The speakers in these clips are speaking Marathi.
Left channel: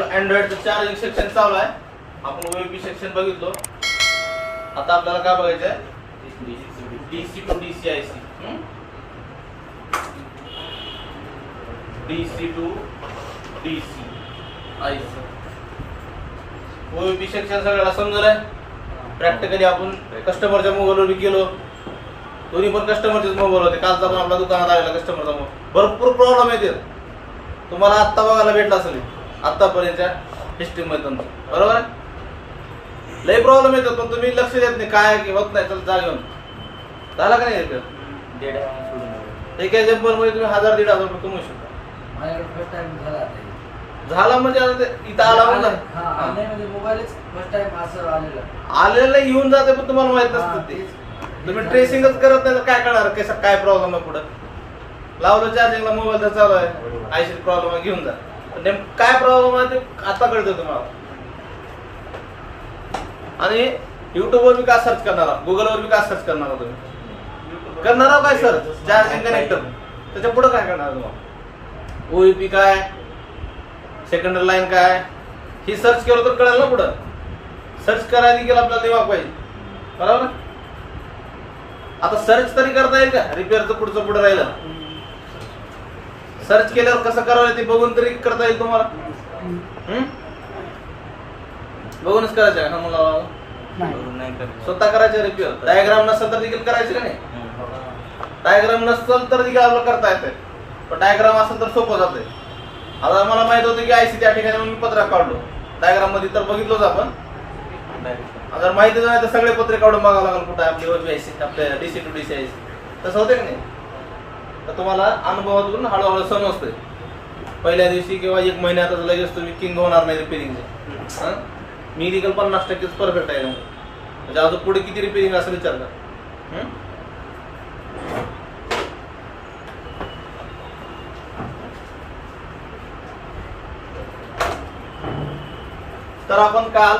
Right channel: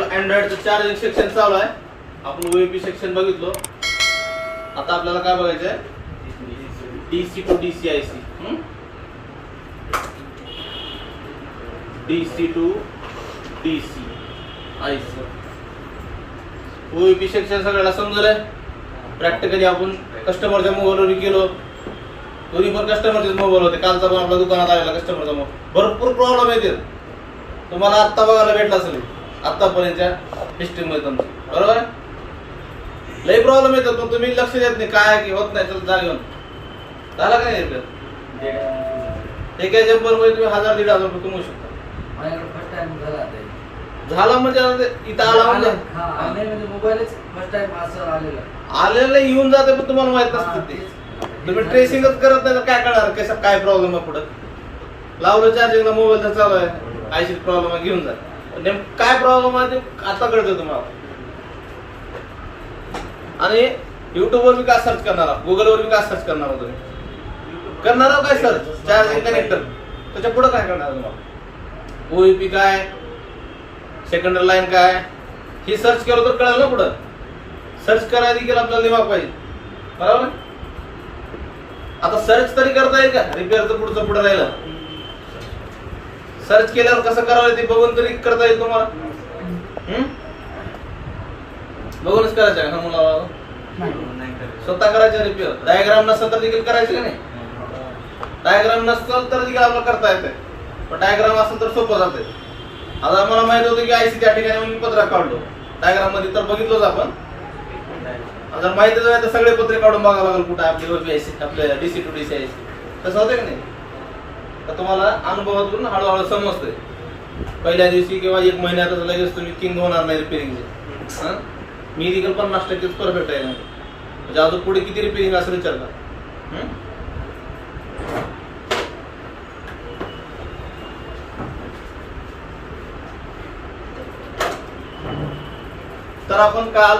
आपलं अँड्रॉइडचं चार्जिंग सेक्शन चालू आहे. आपण ओएपी सेक्शन बघितलो. आता आपल्याला काय बघायचं आहे? DC to DC IC. DC to DC IC OAP section सगळ्याला समजलं आहे. प्रॅक्टिकली आपण कस्टमरच्या मोबाईलवर गेलो. दोन्ही पण कस्टमरचेच मोबाईल होते. कालचा पण आपल्या दुकानात आलेला कस्टमरचा मोबाईल. भरपूर प्रॉब्लेम येते. तुम्हाला आत्ता बघायला भेटला असेल आतापर्यंतच्या हिस्ट्रीमध्ये तुमचं, बरोबर आहे? लई प्रॉब्लेम येतात पण तुम्ही लक्ष देत नाही. काय की होत नाही तर जागेऊन झाला का नाही? एका जम्परमध्ये तुम्ही 1000-1500 रुपये कमवू शकता. माझ्याकडे फर्स्ट टाइम झाला म्हणजे इथं आला म्हणजे मोबाईलच फर्स्ट टाइम असं आलेलं आलेलं येऊन जाते पण तुम्हाला माहित नसतं ते. तुम्ही ट्रेसिंगच करत नाही तर काय कळणार कसा काय प्रॉब्लेम आहे? पुढे लावलं चार्जिंगला मोबाईल तर चालू आहे, आयसी प्रॉब्लेम आहे, घेऊन जा. नेमकं काय प्रॉब्लेम आहे ते आता कळतं तुम्हाला. आणि युट्यूबवर बी काय सर्च करणार आहात, गुगलवर बी काय सर्च करणार आहात तुम्ही? करणार आहोत काय सर्च? Charging connector. त्याच्या पुढे काय करणार तुम्हाला? ओईपी काय, सेकंडरी लाईन काय, हे सर्च केलं तर कळलं ना. पुढं सर्च करायला देखील आपल्याला दिमाग पाहिजे, बरोबर. आता सर्च तरी करता येईल का? रिपेअरचं पुढचं पुढे राहिलं. सर्च केल्यावर कसं करावं ते बघून तरी करता येईल तुम्हाला. बघूनच करायचं का मुलाला? स्वतः करायचं रिपेअर. डायग्राम नसेल तर देखील करायचं का नाही? डायग्राम नसेल तर देखील आपल्याला करता येते. पण डायग्राम असेल तर सोपं जाते. आता मला माहित होते की आयसी त्या ठिकाणी मी पत्रक काढलो. डायग्राम मध्ये तर बघितलोच आपण. जर माहितीच नाही तर सगळे पत्रे काढून बघावं लागेल कुठं आपली ओपी आयसी, आपल्या डीसी टू डीसी आयसी. तसं होतं की नाही? तर तुम्हाला अनुभवातून हळूहळू समजतोय. पहिल्या दिवशी किंवा एक महिन्यात लगेच तुम्ही किंग होणार नाही रिपेअरिंगचं. मी देखील 50% परफेक्ट आहे. म्हणजे अजून पुढे किती रिपेअरिंग असं विचार करा. तर आपण काल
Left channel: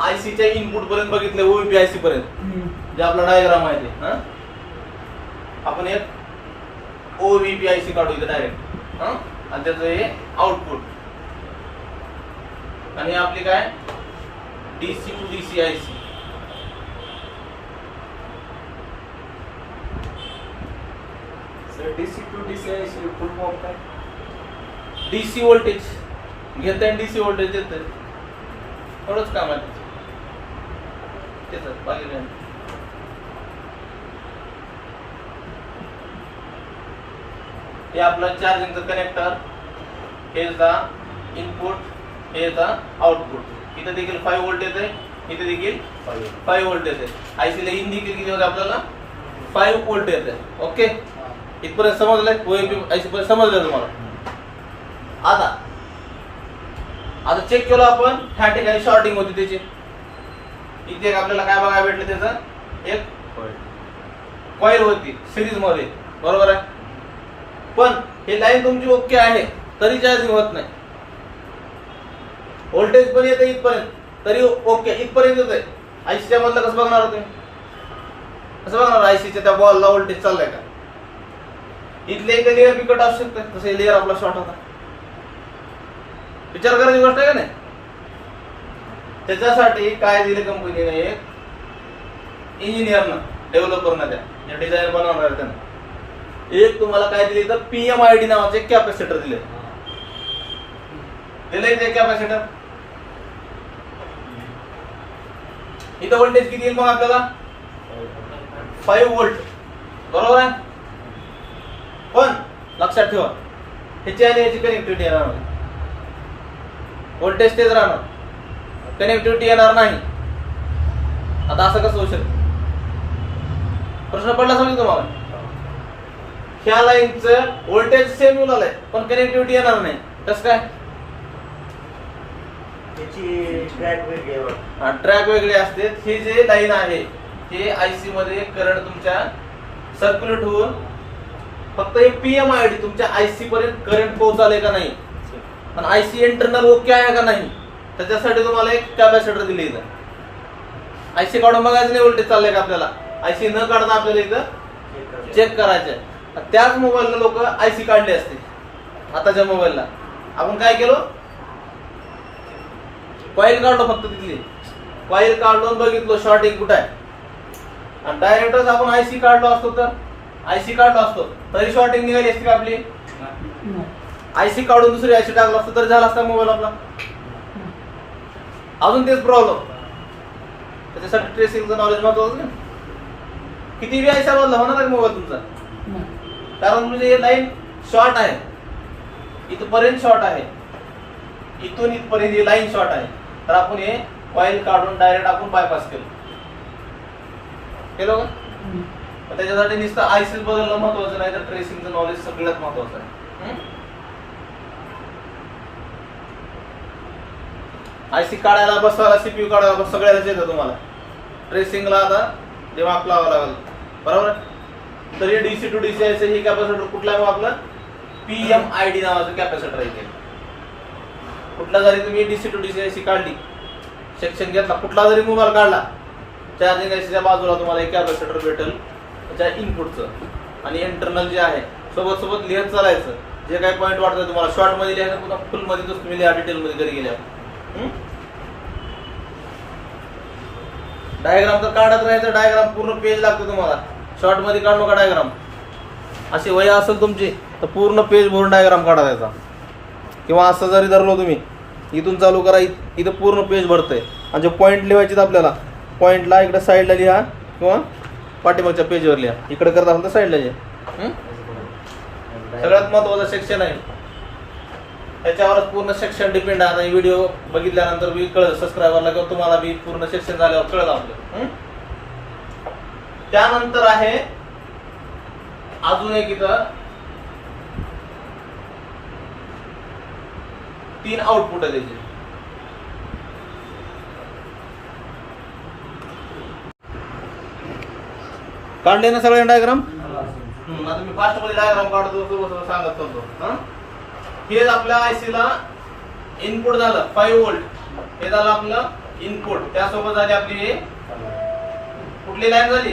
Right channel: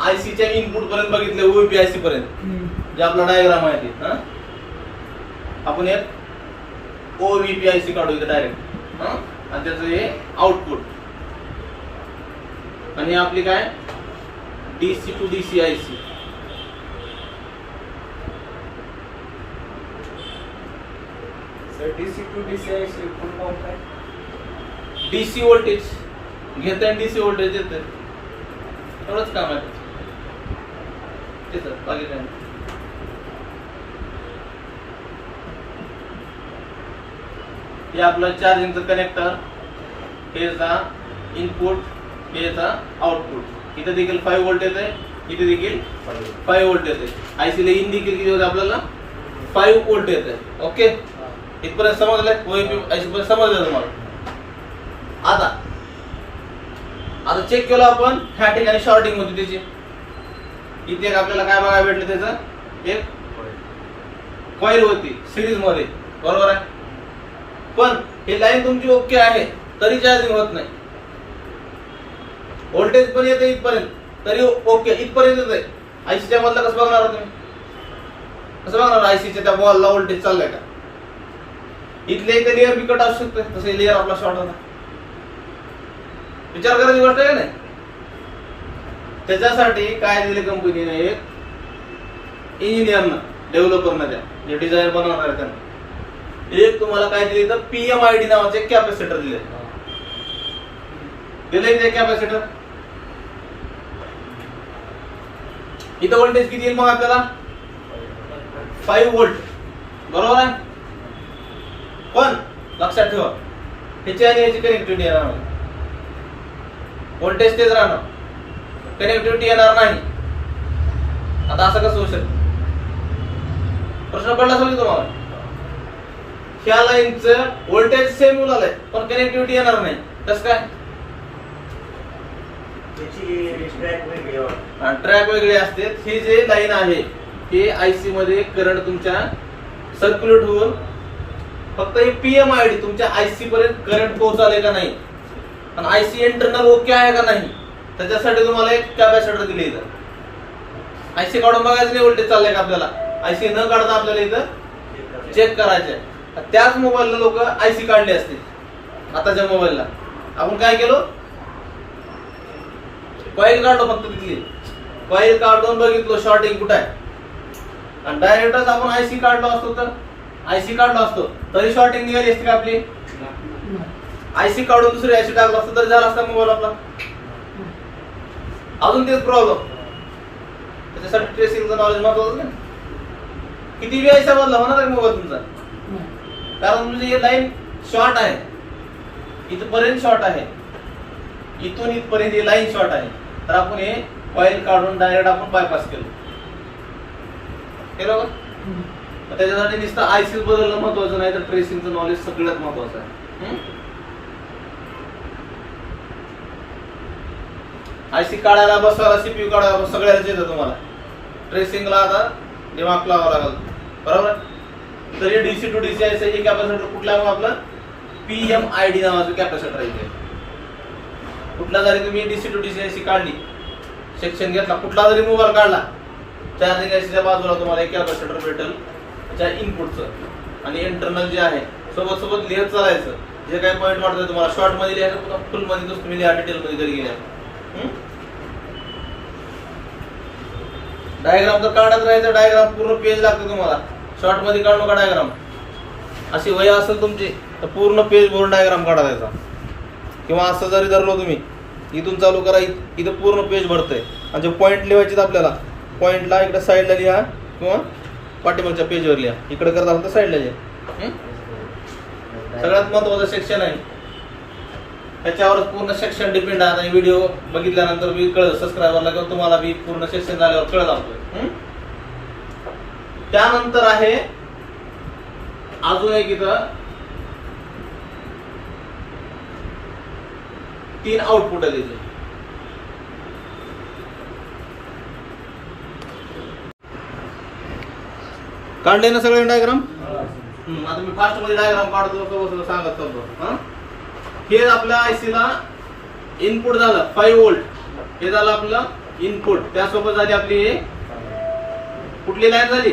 आयसीच्या इनपुट पर्यंत बघितले, ओईपी आयसी पर्यंत जे आपला डायग्राम आहे ते. आपण एक ओव्हीपी आयसी काढू इथे डायरेक्ट. आणि त्याचं हे आउटपुट. आणि आपली काय DC to DC IC. DC to DC IC full form काय? डीसी व्होल्टेज घेते आणि डीसी व्होल्टेज देते. एवढंच काम आहे ते सर. बाकी काय हे आपलं चार्जिंगचं कनेक्टर, हे याचा इनपुट, हे याचा आउटपुट. इथे देखील 5 व्होल्ट येते, इथे देखील 5 व्होल्ट येते. आयसीला इन देखील किती होते आपल्याला? 5 व्होल्ट येते. ओके, इथपर्यंत समजले? ओएपी आयसी पर्यंत समजलं तुम्हाला? आता चेक केलं आपण. ह्या ठिकाणी शॉर्टिंग होती त्याची. इथे एक आपल्याला काय बघायला भेटलं? त्याचं एक कॉईल होती सिरीज मध्ये, बरोबर आहे. पण हे लाईन तुमची ओके आहे तरी चार्जिंग होत नाही. व्होल्टेज पण येते इथपर्यंत तरी ओके, इथपर्यंत येते. आयसीच्या मधलं कसं बघणार तुम्ही? कसं बघणार आयसीच्या त्या वॉलला व्होल्टेज चाललाय का? इथले इथे लेअर बी कट असू शकतं. तसं लेअर आपला शॉर्ट होता. विचार करायची गोष्ट आहे का नाही? त्याच्यासाठी काय दिले कंपनीने? इंजिनियरनं, डेव्हलपरनं, त्या जे डिझाईन बनवणार आहे त्यांना एक तुम्हाला काय दिले तर PMID नावाचे कॅपॅसिटर दिले. ते कॅपॅसिटर. इथं व्होल्टेज किती येईल मग आपल्याला? 5 व्होल्ट, बरोबर आहे. पण लक्षात ठेवा ह्याची आणि याची कनेक्टिव्हिटी येणार नाही. व्होल्टेज तेच राहणार, कनेक्टिव्हिटी येणार नाही. आता असं कसं होऊ शकतं? प्रश्न पडला समजा तुम्हाला. ह्या लाईनचं व्होल्टेज सेम येऊन आलंय पण कनेक्टिव्हिटी येणार नाही. कसं काय? ट्रॅक वेगळे असते. हे जे लाईन आहे हे आयसी मध्ये करंट तुमच्या सर्क्युलेट होऊन फक्त हे PMID तुमच्या आयसी पर्यंत करंट पोहोचले का नाही आणि आयसी इंटरनल ओके आहे का नाही त्याच्यासाठी तुम्हाला एक कॅपॅसिटर दिले. इथं आयसी काढून बघायचं नाही व्होल्टेज चाललंय का आपल्याला. आयसी न काढता आपल्याला इथं चेक करायचंय. त्याच मोबाईलला लोक आयसी काढले असते. आताच्या मोबाईलला आपण काय केलं? कॉईल काढलो फक्त तिथे, कॉईल काढून बघितलो शॉर्टिंग कुठं आहे, आणि डायरेक्टच आपण आयसी काढलो असतो तर आयसी काढलो असतो तरी शॉर्टिंग निघाली असती का आपली? आयसी काढून दुसरी आयसी टाकलं असतं तरी झाला असता मोबाईल आपला. अजून तेच प्रॉब्लेम. त्याच्यासाठी ट्रेसिंगचं नॉलेज महत्वाचं नाही. किती बी आयसा बदला होणार आहे मोबाईल तुमचा, कारण म्हणजे हे लाईन शॉर्ट आहे, इथपर्यंत शॉर्ट आहे, इथून इथपर्यंत ही लाईन शॉर्ट आहे, तर आपण हे कॉईल काढून डायरेक्ट आपण बायपास केलं का? त्याच्यासाठी नुसतं आयसी बदलणं महत्वाचं नाही, तर ट्रेसिंगचं नॉलेज सगळ्यात महत्वाचं आहे. आयसी काढायला बसवायला सीपीयू काढायला सगळ्याच येतं तुम्हाला. ट्रेसिंगला आता दिमाग लावावं लागेल, बरोबर. तरी डीसी टू डीसी आयसी ही कॅपॅसिटर कुठला आहे आपलं? PMID नावाचं कॅपॅसिटर आहे. कुठला जरी तुम्ही डीसी टू डीसी आयसी काढली, सेक्शन घेतला, कुठला जरी मोबाईल काढला, चार्जिंग आयसीच्या बाजूला तुम्हाला एक कॅपॅसिटर भेटेल त्याच्या इनपुटचं, आणि इंटरनल जे आहे सोबत सोबत लिहत चालायचं. जे काही पॉईंट वाटतं तुम्हाला शॉर्ट मध्ये लिहायचं, पुन्हा फुल मध्ये तुम्ही लिहा, डिटेल मध्ये घरी गेल्या. डायग्राम तर काढत राहायचं, डायग्राम पूर्ण पेज लागतं तुम्हाला. शॉर्ट मध्ये काढू का डायग्राम? अशी वय असेल तुमची तर पूर्ण पेज भरून डायग्राम काढायचा, किंवा असं जरी धरलो तुम्ही, इथून चालू करा, इथं पूर्ण पेज भरतंय. म्हणजे पॉईंट लिहायचे आपल्याला, पॉईंटला इकडे साईडला लिहा किंवा पाठीमागच्या पेजवर लिहा. इकडे करत असेल तर साईडला लिहा. सगळ्यात महत्वाचं सेक्शन आहे, त्याच्यावर पूर्ण सेक्शन डिपेंड आहे. आणि व्हिडिओ बघितल्यानंतर बी कळलं सबस्क्रायबरला, किंवा तुम्हाला बी पूर्ण सेक्शन झाल्यावर कळलं आपलं. त्यानंतर आहे अजून एक, इथं 3 आउटपुट आहे त्याचे. काढले ना सगळे डायग्राम? आता मी फास्ट मध्ये डायग्राम काढतो, सांगत चालतो. हे आपल्या आयसीला इनपुट झालं 5 व्होल्ट, हे झालं आपलं इनपुट. त्यासोबत झाली आपली हे कुठली लाईन झाली?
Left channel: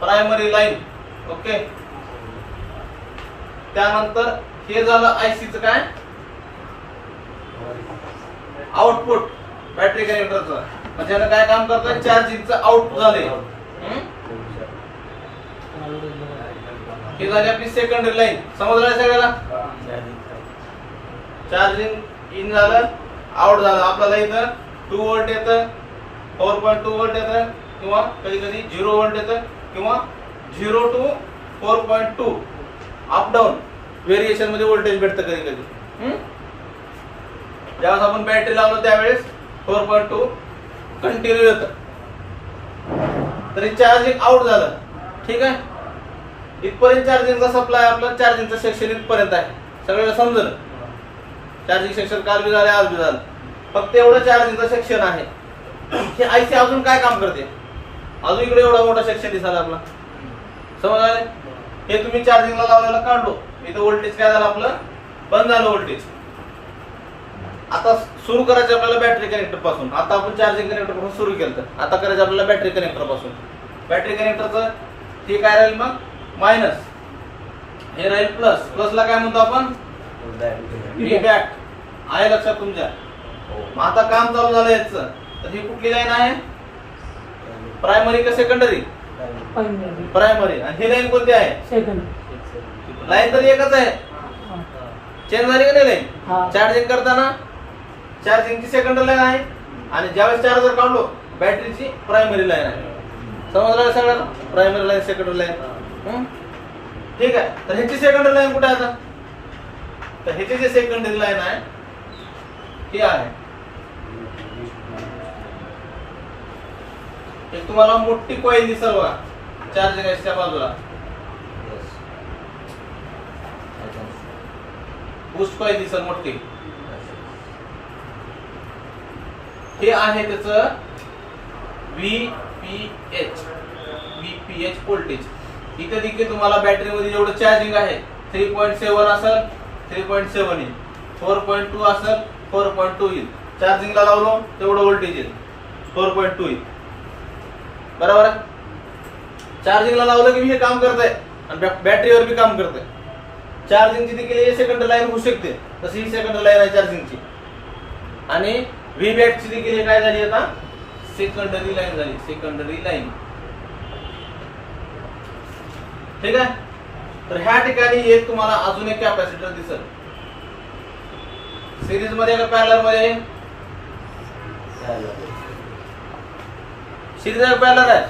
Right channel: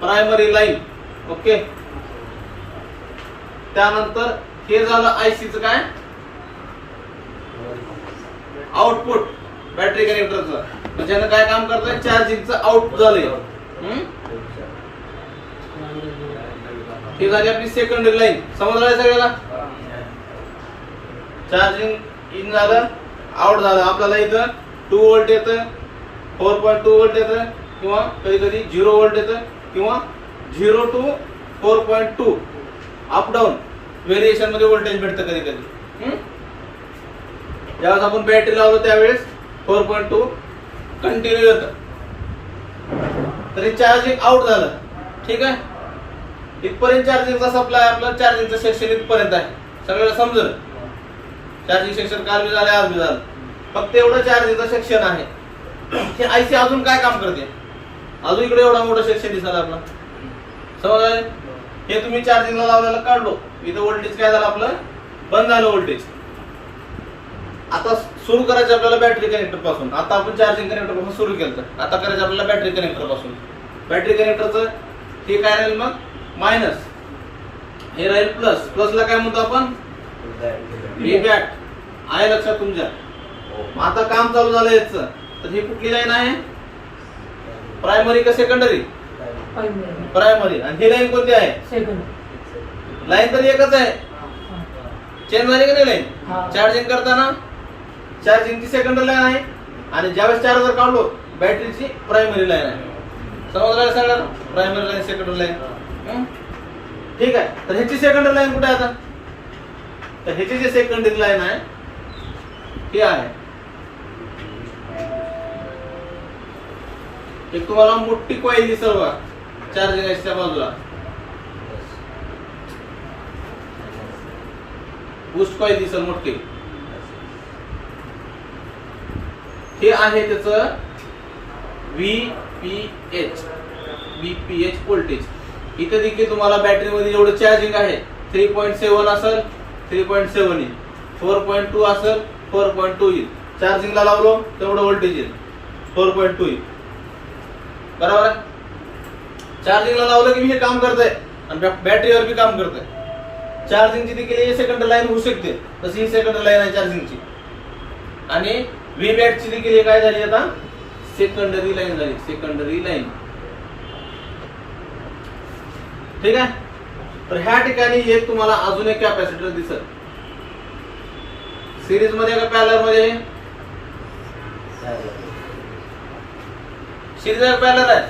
Primary line. ओके. त्यानंतर हे झालं आयसीचं काय? आउटपुट बॅटरी कनेक्टरचं. म्हणजे काय काम करतोय? चार्जिंगचं आउटपुट झालंय. हे झाली आपली सेकंडरी लाईन. समजलं सगळ्याला? चार्जिंग इन झालं, आउट झालं. आपल्याला इथं 2 व्होल्ट येतं, 4.2 व्होल्ट येतं, किंवा कधी कधी 0 व्होल्ट येतं, किंवा 0 to 4.2 अप डाऊन व्हेरिएशन मध्ये व्होल्टेज भेटतं कधी कधी. ज्यावेळेस आपण बॅटरी लावलो त्यावेळेस 4.2 कंटिन्यू येतं. तरी चार्जिंग आउट झालं, ठीक आहे. इथपर्यंत चार्जिंगचा सप्लाय, आपलं चार्जिंगचं सेक्शन इथपर्यंत आहे. सगळ्याला समजलं? चार्जिंग सेक्शन काल बी झालं, आज बी झालं. फक्त एवढं चार्जिंगचं सेक्शन आहे. हे आयसी अजून काय काम करते? अजून इकडे एवढा मोठा सेक्शन दिसला आपला. समज? हे तुम्ही चार्जिंगला लावलेलं काढलो, इथं व्होल्टेज काय झालं आपलं? बंद झालं व्होल्टेज. आता सुरू करायचं आपल्याला बॅटरी कनेक्टर पासून. आता आपण चार्जिंग कनेक्टर पासून सुरू केलं, आता करायचं आपल्याला बॅटरी कनेक्टर पासून. बॅटरी कनेक्टरचं हे काय राहील मग? मायनस. हे राहील प्लस. प्लसला काय म्हणतो आपण? फीडबॅक. आहे लक्षात तुमच्या? मग आता काम चालू झालं याचं, तर ही कुठली लाईन आहे? प्रायमरी का सेकंडरी? प्रायमरी. आणि ही लाईन कोणती आहे? लाईन तर एकच आहे. चेंज झाली का नाही लाईन? चार्जिंग करताना चार्जिंगची सेकंडरी लाईन आहे, आणि ज्यावेळेस चार्जर काढलो बॅटरीची प्रायमरी लाईन आहे. समजलं सगळं? Primary line, secondary line. ठीक आहे. तर ह्याची सेकंडरी लाईन कुठे आहे आता? तर ह्याची जी सेकंडरी लाईन आहे ही आहे, एक तुम्हाला मोठी कॉईल दिसेल बघा चार्जिंग आयसीच्या बाजूला. बूस्ट कॉईल दिसेल मोठी. हे आहे त्याचं VPH व्होल्टेज. इथे देखील तुम्हाला बॅटरीमध्ये जेवढं चार्जिंग आहे 3.7 असेल 3.7 येईल, 4.2 असेल 4.2 येईल. चार्जिंगला लावलो तेवढं व्होल्टेज येईल, 4.2 येईल. बरोबर आहे? चार्जिंगला लावलं की मी हे काम करतंय, आणि बॅटरीवर बी काम करतंय. चार्जिंगची देखील सेकंड लाईन होऊ शकते, तशी ही सेकंड लाईन आहे चार्जिंगची. आणि व्ही बॅटची देखील हे काय झाली आता सेकंडरी लाईन झाली, सेकंडरी लाईन. ठीक आहे. तर ह्या ठिकाणी एक तुम्हाला अजून एक कॅपॅसिटर दिसत. सिरीज मध्ये का पॅरलल मध्ये? सिरीज आहे पॅरलल आहे?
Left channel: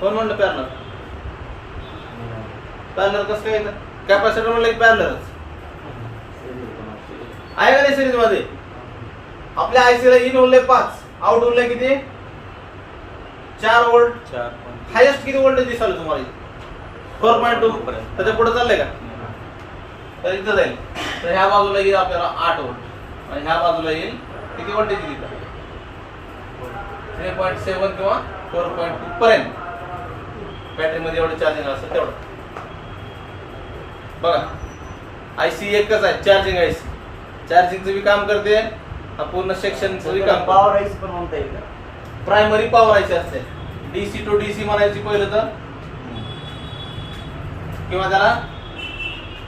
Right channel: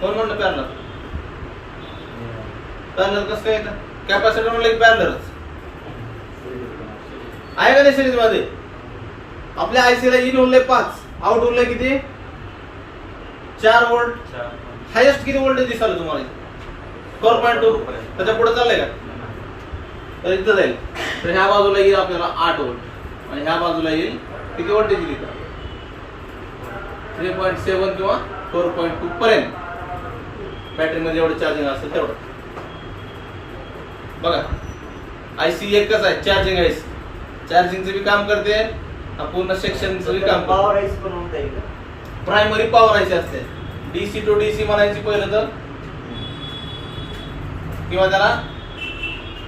कोण म्हणलं पॅरलल? पॅरलल कसं काय इथं? कॅपॅसिटर म्हणलं पॅरललच आहे का नाही सिरीज मध्ये? आपल्या आयसी ला इन उरले 5, आउट उरले किती? 4 व्होल्ट. हायेस्ट किती व्होल्टेज दिसाल तुम्हाला? 4.2. त्याच्या पुढे चाललंय का? तर इथं जाईल. तर ह्या बाजूला येईल आपल्याला 8 व्होल्ट आणि ह्या बाजूला येईल किती व्होल्टेज येईल इथं? 3.7 किंवा 4.2 पर्यंत बॅटरी मध्ये एवढी चार्जिंग असेल तेवढं. बघा आयसी एकच आहे, चार्जिंग आयसी. चार्जिंगचं बी काम करते, पूर्ण सेक्शनचं बी काम पॉवर आयसी पण म्हणता येईल का? प्रायमरी पॉवर आयसी असते. डीसी टू डीसी म्हणायची पहिलं तर, किंवा त्याला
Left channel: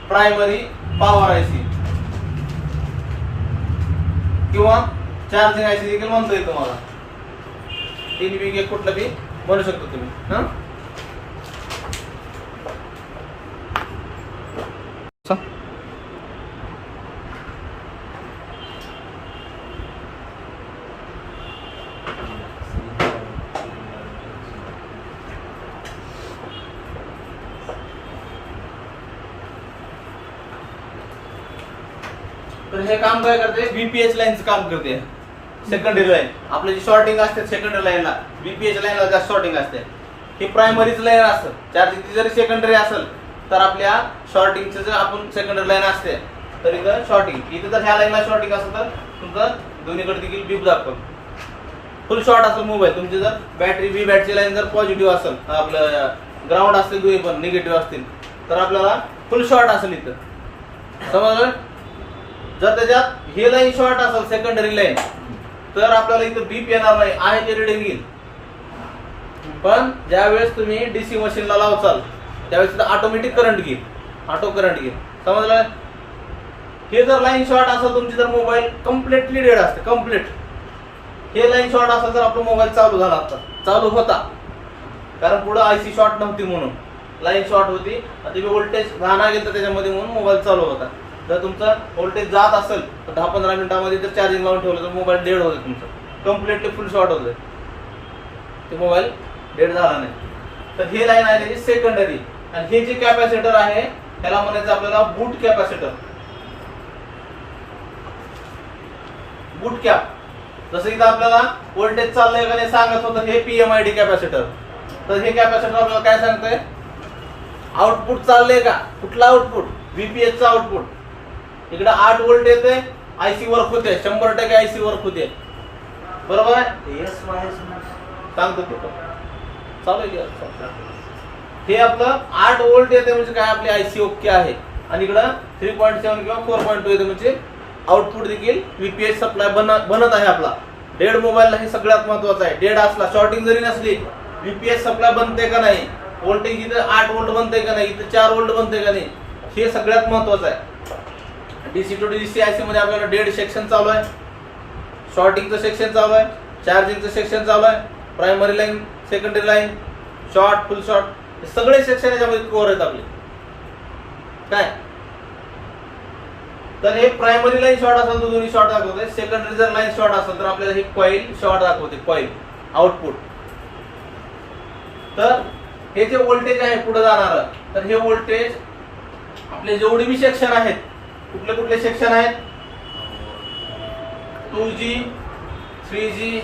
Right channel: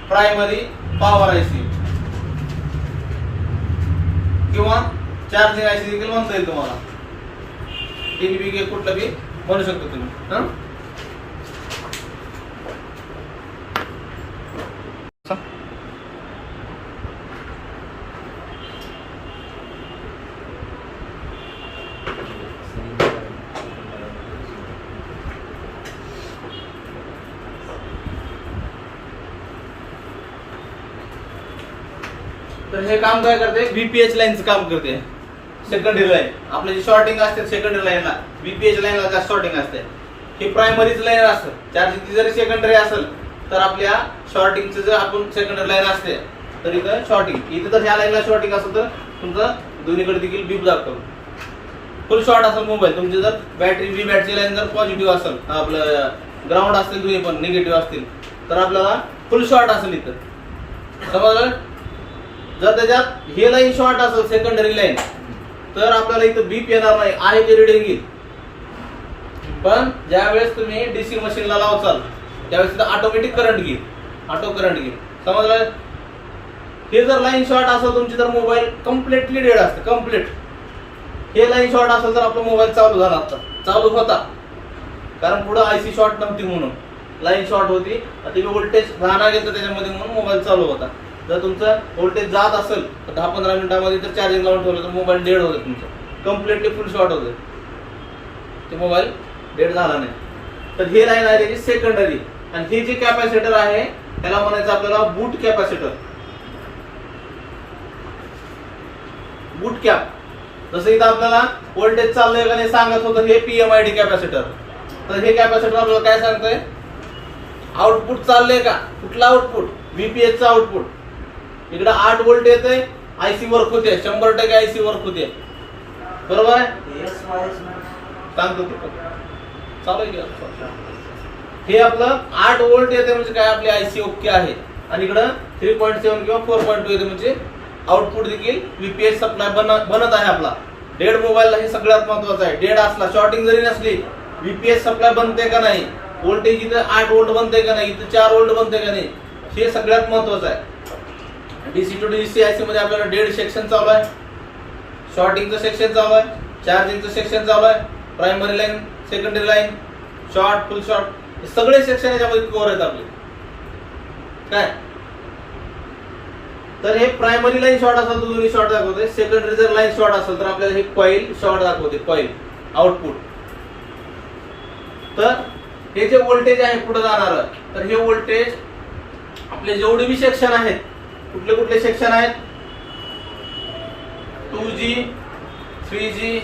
प्रायमरी पॉवर आयसी किंवा चार्जिंग आयसी देखील म्हणता येईल तुम्हाला. 3 वेगळे कुठलं बी म्हणू शकतो तुम्ही. तर हे काम काय करते? VPH लाईनचं काम करते. सेकंडरी लाईन आपली जी शॉर्टिंग असते सेकंडरी लाईनला, VPH लाईनला जास्त शॉर्टिंग असते. ही प्रायमरीच लाईन असतं. चार्जिंगची जरी सेकंडरी असेल तर आपल्या शॉर्टिंगचं जर आपण सेकंडरी लाईन असते तर इथं शॉर्टिंग, इथं जर ह्या लाईनला शॉर्टिंग असेल तर तुमचं दोन्हीकडे देखील बीप दाखवतो. फुल शॉर्ट असेल मोबाईल तुमची, जर बॅटरी व्ही बॅटची लाईन जर पॉझिटिव्ह असेल, आपलं ग्राउंड असतील दोन्ही पण निगेटिव्ह असतील तर आपल्याला फुल शॉर्ट असेल इथं. समजलं? जर त्याच्यात हे लाईन शॉर्ट असेल सेकंडरी लाईन तर आपल्याला इथं बीप येणार नाही, आहे ते रिडिंग येईल. पण ज्यावेळेस तुम्ही डीसी मशीनला लावचाल त्यावेळेस तिथं ऑटोमॅटिक करंट घेईल, ऑटो करंट घेईल. समजलं? हे जर लाईन शॉर्ट असेल तुमची तर मोबाईल कम्प्लिटली डेड असते, कम्प्लीट. हे लाईन शॉर्ट असेल तर आपला मोबाईल चालू झाला, आता चालू होता, कारण पुढे आयसी शॉर्ट नव्हती म्हणून लाईन शॉर्ट होती. ते व्होल्टेज राहणार गेलं त्याच्यामध्ये म्हणून मोबाईल चालू होता. जर तुमचा व्होल्टेज जात असेल तर 10-15 मिनिटांमध्ये जर चार्जिंग लावून ठेवलं तर मोबाईल डेड होतं, तुमचं कम्प्लिटली फुल शॉर्ट होतं, ते मोबाईल डेड झाला नाही. तर ही लाईन आहे त्याची सेकंडरी. आणि हे जे कॅपॅसिटर आहे त्याला म्हणायचं आपल्याला बूट कॅपॅसिटर, बूट कॅप. जसं इथं आपल्याला व्होल्टेज चाललंय का नाही सांगत होतं हे PMID कॅपॅसिटर. तर हे कॅपॅसिटर आपल्याला काय सांगतंय? आउटपुट चाललंय का, कुठला आउटपुट? VPH चा आउटपुट. इकडे 8 व्होल्ट येते, आयसी वर्क होते, 100% आयसी वर्क होते. बरोबर आहे? सांगतो ते चालू आहे. हे आपलं 8 व्होल्ट येते म्हणजे काय, आपले आयसी ओके आहे. आणि इकडं 3.7 किंवा 4.2 येते म्हणजे आउटपुट देखील VPH सप्लाय बनत आहे आपला. डेड मोबाईलला हे सगळ्यात महत्वाचं आहे. डेड असला, शॉर्टिंग जरी नसली, VPH सप्लाय बनते का नाही, व्होल्टेज इथं 8 व्होल्ट बनते का नाही, इथं 4 व्होल्ट बनते का नाही, हे सगळ्यात महत्वाचं आहे. डीसी टू डीसी आयसी मध्ये आपल्याला डेड सेक्शन चालू आहे, शॉर्टिंगचं सेक्शन चालू आहे, चार्जिंगचं सेक्शन चालू आहे, primary line, secondary line, short, फुल शॉर्ट, हे सगळे सेक्शन याच्यामध्ये कव्हर आहेत आपले. काय तर हे प्रायमरी लाईन शॉर्ट असेल तर दोन्ही शॉर्ट दाखवते. सेकंडरी जर लाईन शॉर्ट असेल तर आपल्याला हे कॉईल शॉर्ट दाखवते, कॉईल आउटपुट. तर हे जे व्होल्टेज आहे पुढे जाणार, तर हे व्होल्टेज आपले जेवढे बी सेक्शन आहेत, कुठले कुठले सेक्शन आहेत? 2G, 3G,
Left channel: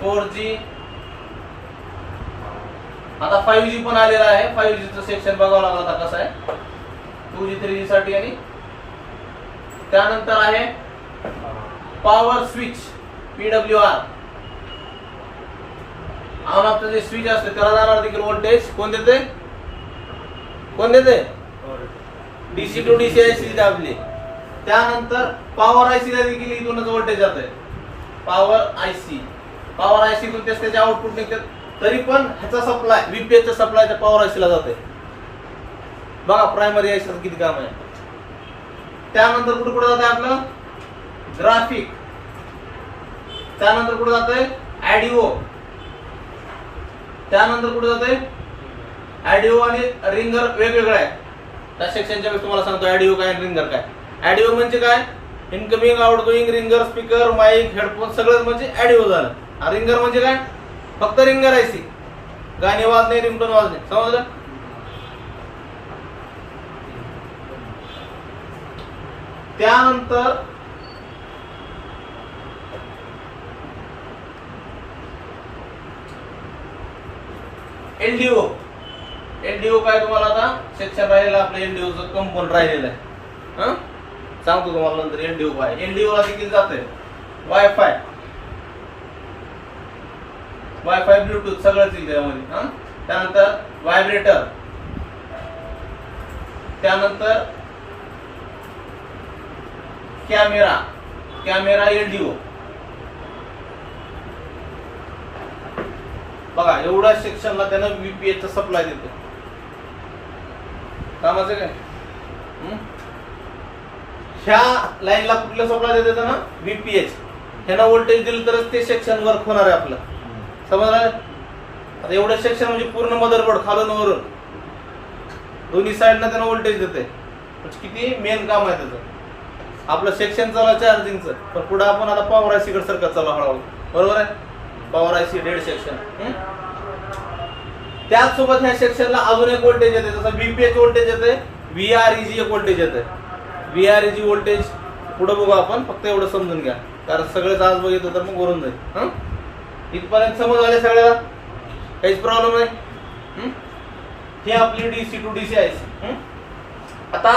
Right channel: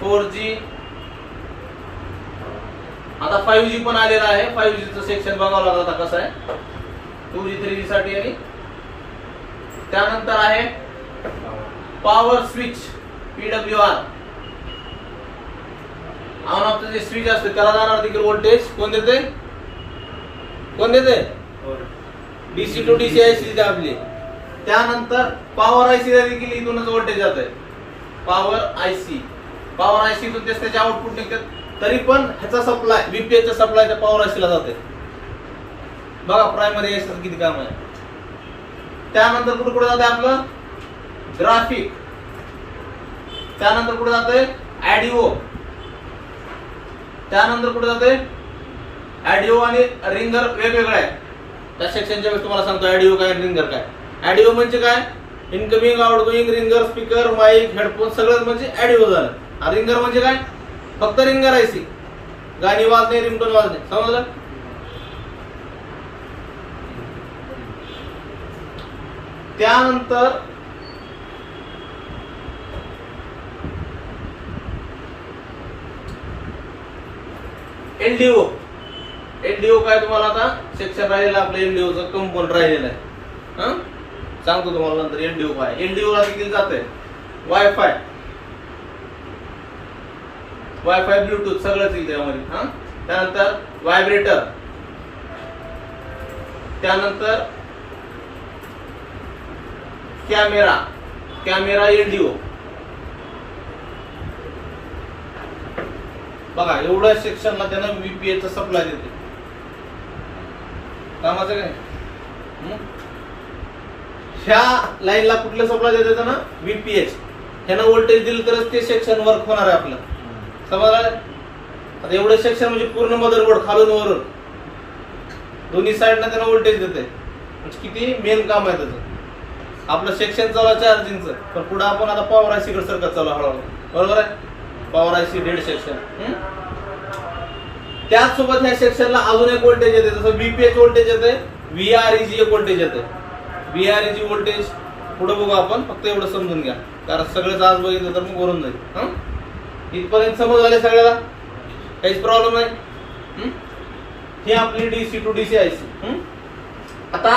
4G, आता 5G पण आलेला आहे. 5G चं सेक्शन बघावं लागलं आता कसं आहे 2G 3G साठी. आणि त्यानंतर आहे power switch, PWR. On off जे स्विच असते त्याला जाणार देखील व्होल्टेज कोण देते? कोण देते? डीसी टू डीसी आयसी दाबली. त्यानंतर पॉवर आयसी ला देखील इथूनच व्होल्टेज जात आहे. पॉवर आयसी, पॉवर आयसी तून त्याचे आउटपुट निघतात. तरी पण ह्याचा सप्लाय, VPH चा सप्लाय त्या पॉवर आयसी ला जाते. बघा प्रायमरी आयसी किती काम आहे. त्यानंतर कुठे कुठे जाते आपलं ग्राफिक, त्यानंतर कुठे जाते ऍडिओ, त्यानंतर कुठे जाते ऍडिओ आणि रिंगर वेगवेगळं आहे. त्या सेक्शनच्या वेळेस तुम्हाला सांगतो ऍडिओ काय रिंगर काय. ऍडिओ म्हणजे काय, incoming outgoing ringer speaker mic headphone सगळं म्हणजे ऍडिओ झालं. रिंगर म्हणजे काय, फक्त रिंगर आयसी, गाणी वाजणे रिंगटोन वाजणे, समजलं. त्यानंतर एलडीओ. एलडीओ काय तुम्हाला आता सेक्शन राहिलेलं आपलं एलडीओचं कंपोनंट राहिलेलं आहे. सांगतो तुम्हाला नंतर एलडीओ काय. एलडीओ ला देखील जातंय वायफाय, वायफाय ब्लूटूथ सगळंच येईल त्यामध्ये. त्यानंतर व्हायब्रेटर, त्यानंतर कॅमेरा, कॅमेरा एलडीओ. बघा एवढ्या सेक्शनला त्यानं VPH सप्लाय देतो. कामाचं काय, ह्या लाईनला कुठलं सप्लाय देते ना VPH. ह्याला व्होल्टेज दिलं तरच ते सेक्शन वर्क होणार आहे आपलं, समजलं. आता एवढे सेक्शन म्हणजे पूर्ण मदरबोर्ड खालून वरून दोन्ही साईडला त्यानं व्होल्टेज देते. म्हणजे किती मेन काम आहे त्याचं. आपलं सेक्शन चालू चार्जिंगचं, पण पुढे आपण आता पॉवर आयसी कडे सरकत चालू हळूहळू, बरोबर आहे. Power IC dead section. त्याचसोबत ह्या सेक्शनला अजून एक व्होल्टेज येते, जसं VPH व्होल्टेज येते, VREG एक व्होल्टेज येते. VREG व्होल्टेज पुढे बघू आपण, फक्त एवढं समजून घ्या, कारण सगळेच आज बघितलं तर मग वरून जाईल. इथपर्यंत समज आले सगळ्याला, काहीच प्रॉब्लेम नाही. हे आपली DC to DC आयसी. आता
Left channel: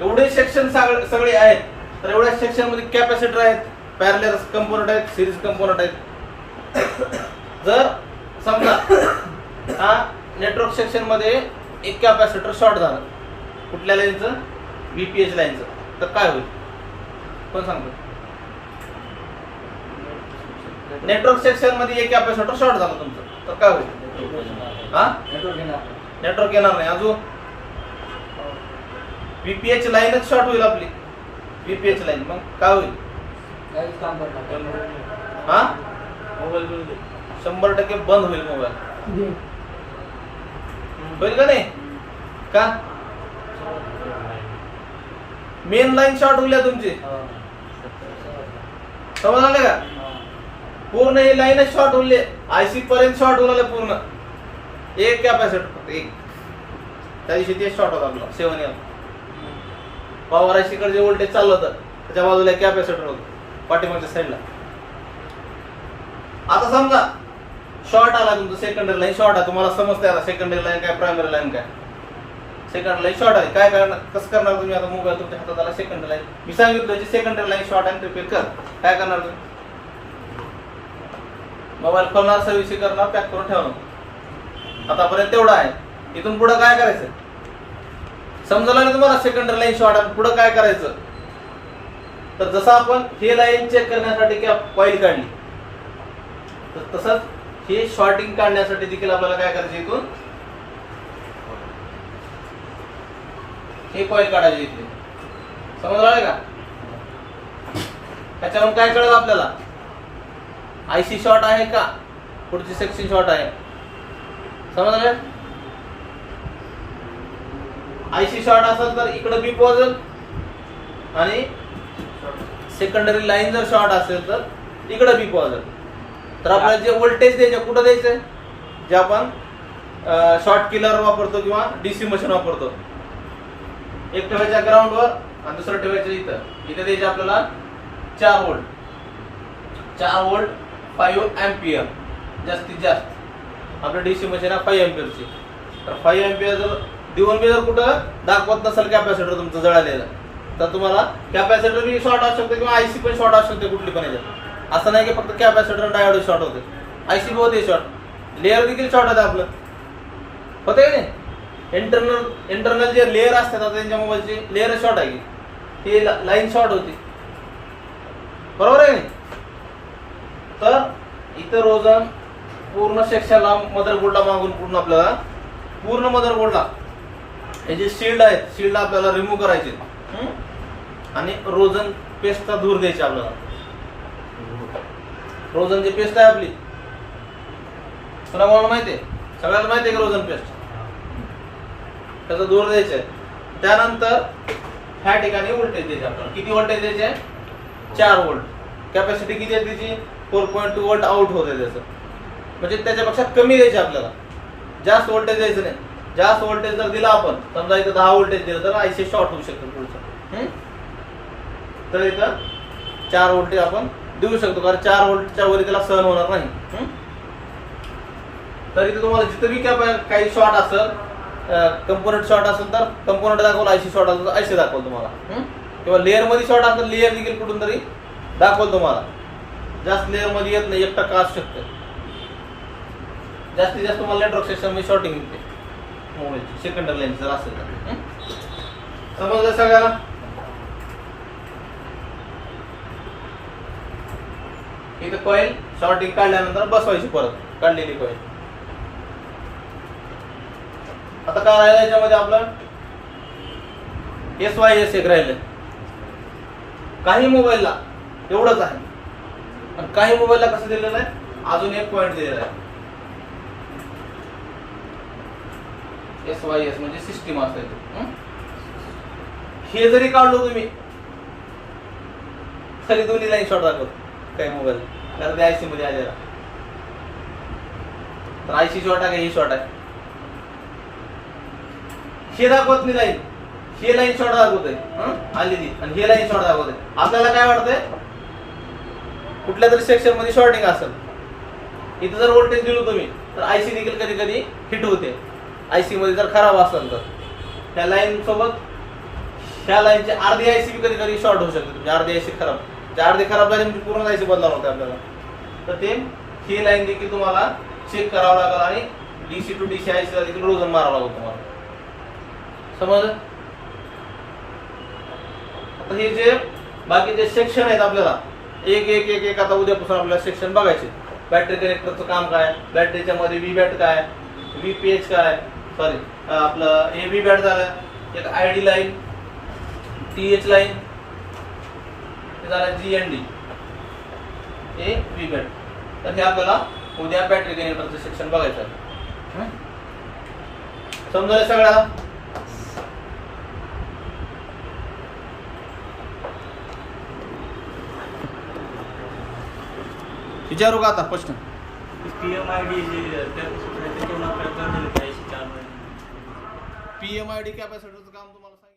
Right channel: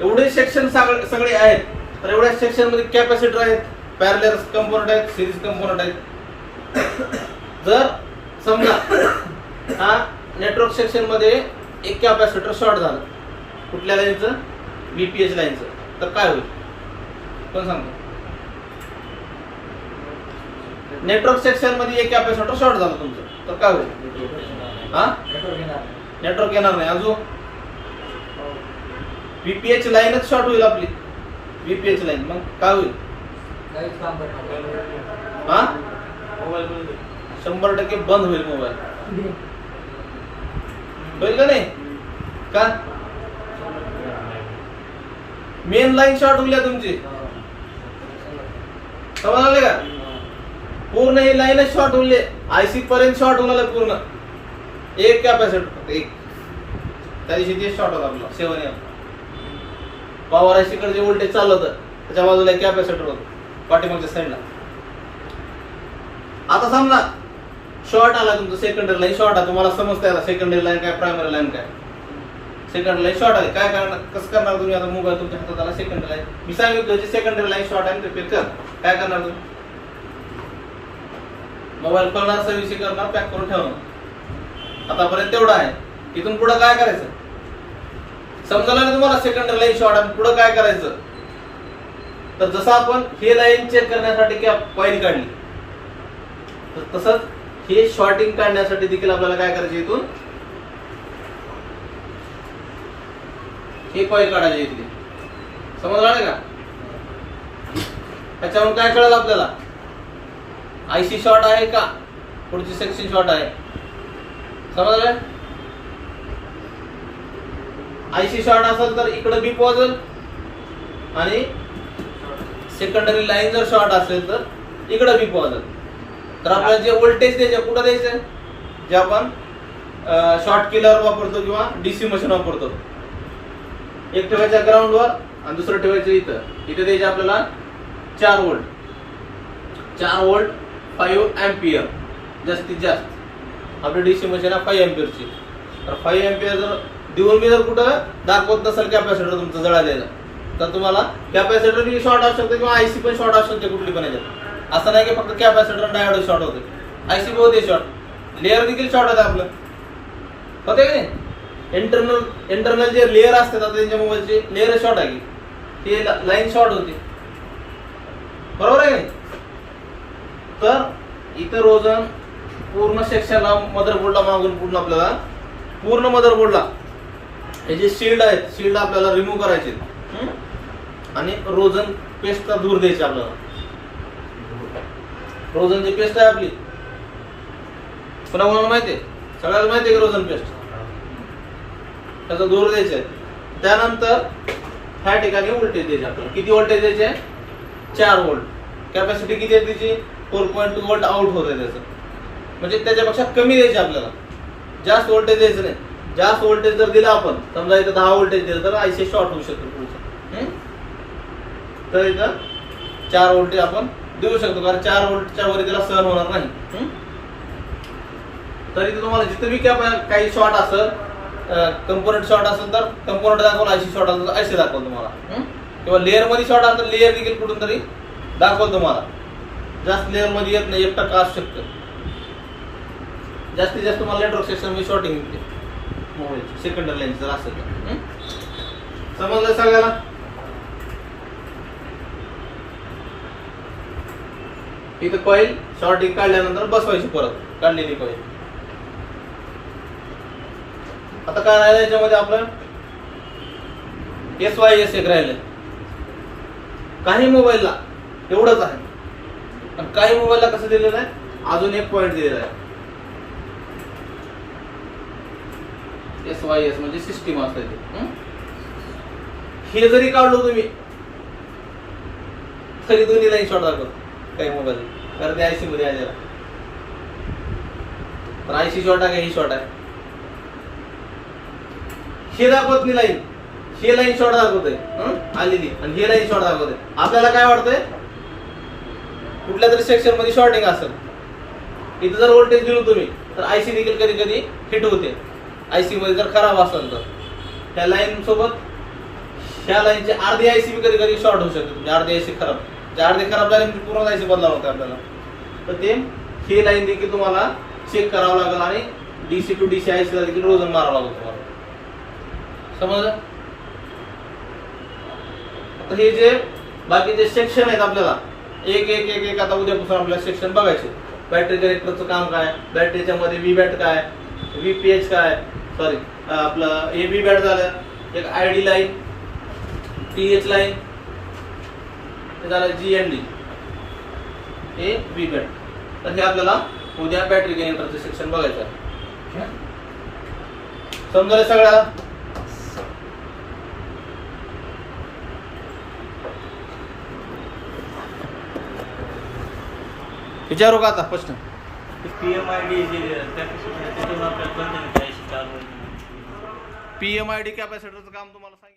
एवढे सेक्शन सगळे आहेत, तर एवढ्या सेक्शन मध्ये कॅपॅसिटर आहेत, पॅरलल कंपोनंट आहेत, सिरीज कंपोनंट आहेत. जर समजा हा नेटवर्क सेक्शन मध्ये एक कॅपॅसिटर शॉर्ट झालं, कुठल्या लाईनचं, VPH लाईनचं, तर काय होईल कोण सांगतो. नेटवर्क सेक्शन मध्ये एक कॅपॅसिटर शॉर्ट झालं तुमचं, तर काय होईल. हा नेटवर्क येणार नाही. अजून VPH लाईनच शॉर्ट होईल आपली, VPH लाईन. मग काय होईल, हा मोबाईल 100% बंद होईल. मोबाईल होईल का नाही, का मेन लाईन शॉर्ट होईल तुमची, समजलं का. पूर्ण ही लाईनच शॉर्ट होईल, आयसी पर्यंत शॉर्ट होणार पूर्ण. एक कॅपॅसिटर फक्त एक, त्या दिवशी ते शॉर्ट होता आपला 7M. पॉवर आयसी कडे जे व्होल्टेज चाललं होतं त्याच्या बाजूला कॅपॅसिटर होतं पाठीमागच्या साईडला. आता समजा शॉर्ट आला तुमचं, सेकंडरी लाईन शॉर्ट आहे, तुम्हाला समजते आता सेकंडरी लाईन काय प्रायमरी लाईन काय. सेकंडरी लाईन शॉर्ट आहे, काय करणार, कसं करणार तुम्ही. आता मोबाईल तुमच्या हातात आला, सेकंडरी लाईन मी सांगितलं सेकंडरी लाईन शॉर्ट आहे, रिपेअर कर. काय करणार तुम्ही, मोबाईल खोलणार, सर्व्हिसिंग करणार, पॅक करून ठेवणार. आतापर्यंत तेवढं आहे. इथून पुढे काय करायचं समजलं ना तुम्हाला. सेकंडरी लाईन शॉर्ट आहे, पुढे काय करायचं, तर जसं आपण हे लाईन चेक करण्यासाठी कॉईल काढली, तर तसंच हे शॉर्टिंग काढण्यासाठी देखील आपल्याला काय करायचं, इथून हे कॉईल काढायचे इथले. समजलं का. त्याच्यावरून काय कळलं आपल्याला, आयसी शॉर्ट आहे का, पुढची सेक्शन शॉर्ट आहे. समजलं. आयसी शॉर्ट असेल तर इकडे बीप वाजेल, आणि सेकंडरी लाईन जर शॉर्ट असेल तर इकडे बीप वाजेल. तर आपल्याला जे व्होल्टेज द्यायचे कुठं द्यायचं, जे आपण शॉर्ट किलर वापरतो किंवा DC मशीन वापरतो, एक ठेवायचं ग्राउंडवर आणि दुसरं ठेवायचं इथं. इथं द्यायचे आपल्याला 4 व्होल्ट, 4 व्होल्ट 5 एम्पियर जास्तीत जास्त. आपलं DC मशीन आहे 5 एम्पियरची, तर 5 एम्पियर जर देऊन मी जर कुठं दाखवत नसेल कॅपॅसिटर तुमचं जळालेलं, तर तुम्हाला कॅपॅसिटर बी शॉर्ट असू शकते किंवा आयसी पण शॉर्ट असू शकते कुठली पण याच्यात. असं नाही की फक्त कॅपॅसिटर डायोड शॉर्ट होते, आयसी पण होते शॉर्ट, लेअर देखील शॉर्ट होते आपलं, होते की नाही. इंटरनल जे लेअर असतात, आता त्यांच्या मोबाईलचे लेअर शॉर्ट आहे, ते लाईन शॉर्ट होती, बरोबर आहे. तर इतर रोजन पूर्ण सेक्शनला मदरबोर्डला मागून पूर्ण आपल्याला पूर्ण मदरबोर्डला हे जे शिल्ड आहेत, शिल्ड आपल्याला रिमूव्ह करायचे आणि रोजन पेस्टचा धूर द्यायचा आपल्याला. रोझनची पेस्ट आहे आपली, पुन्हा कोणाला माहिती आहे? सगळ्याला माहिती आहे का रोझन पेस्ट? त्याचा दूर द्यायचा आहे. त्यानंतर ह्या ठिकाणी व्होल्टेज द्यायचे आपल्याला. किती व्होल्टेज द्यायचे? 4 व्होल्ट. कॅपॅसिटी किती आहे त्याची? 4.2 व्होल्ट आउट होत आहे त्याचं. म्हणजे त्याच्यापेक्षा कमी द्यायचे आपल्याला, जास्त व्होल्टेज द्यायचं नाही. जास्त व्होल्टेज जर दिला आपण, समजा इथं 10 व्होल्टेज दिलं तर आयसी शॉर्ट होऊ शकतो पुढचं. तर इथं 4 व्होल्टेज आपण देऊ शकतो, कारण 4 व्होल्टच्या वर त्याला सहन होणार नाही. तर इथे तुम्हाला जिथं बी काही शॉर्ट असेल, कंपोनंट शॉर्ट असेल तर कंपोनंट दाखवलं, आयसी शॉर्ट असेल तर आयसी दाखवलं तुम्हाला. किंवा लेअर मध्ये शॉर्ट असेल तर लेअर देखील कुठून तरी दाखवलं तुम्हाला. जास्त लेअर मध्ये येत नाही, 1% असू शकतं. जास्तीत जास्त तुम्हाला नेटवर्क सेक्शन मध्ये शॉर्टिंग मिळते मोबाईल सेकंडरी लाईन जर असेल तर. समजलं सगळ्याला? इथं कॉईल शॉर्टिंग काढल्यानंतर बसवायची, परत काढलेली कॉईल. आता काय राहिलं याच्यामध्ये आपलं? SYS एक राहिलंय. काही मोबाईलला एवढंच आहे, पण काही मोबाईलला कसं दिलेलं आहे? अजून एक पॉईंट दिलेला आहे. SYS म्हणजे सिस्टीम असते. हे जरी काढलो तुम्ही तरी दोन्ही लाईन शॉर्ट दाखवत काही मोबाईल, कारण ते आयसी मध्ये आलेला. तर आयसी शॉर्ट आहे का ही शॉर्ट आहे? हे दाखवत नाही लाईन, हे लाईन शॉर्ट दाखवते आलेली, आणि हे लाईन शॉर्ट दाखवते. आपल्याला काय वाटतंय? कुठल्या तरी सेक्शन मध्ये शॉर्टिंग असेल. इथं जर व्होल्टेज दिलो तुम्ही तर आयसी देखील कधी कधी हिट होते. आयसी मध्ये जर खराब असेल तर त्या लाईन सोबत ह्या लाईनची अर्धी आयसी बी कधी कधी शॉर्ट होऊ शकते. म्हणजे अर्धी आयसी खराब, अर्धी खराब झाली म्हणजे पूर्ण आयसी बदलावं लागतं आपल्याला. तर ते ही लाईन देखील तुम्हाला चेक करावं लागेल, आणि डीसी टू डीसी आयसी ला देखील रोजन मारावं लागेल तुम्हाला. समजलं? आता हे जे बाकीचे सेक्शन आहेत आपल्याला एक एक एक एक आता उद्यापासून आपल्याला सेक्शन बघायचे. बॅटरी कनेक्टरचं काम काय, बॅटरीच्या मध्ये व्ही बॅट काय, VPH काय, सॉरी आपलं AB बॅट झालं, एक ID लाईन, TH लाईन झालं, GND, हे V बॅट. तर हे आपल्याला उद्या बॅटरी कनेक्टरचं सेक्शन बघायचं आहे. समजलं सगळ्याला? विचारू का आता प्रश्न? PMID जे कॅपॅसिटर आहे ते तेवढं आपल्याला बंद करायची चालू आहे. PMID कॅपॅसिटरचं काम तुम्हाला सांगितलं.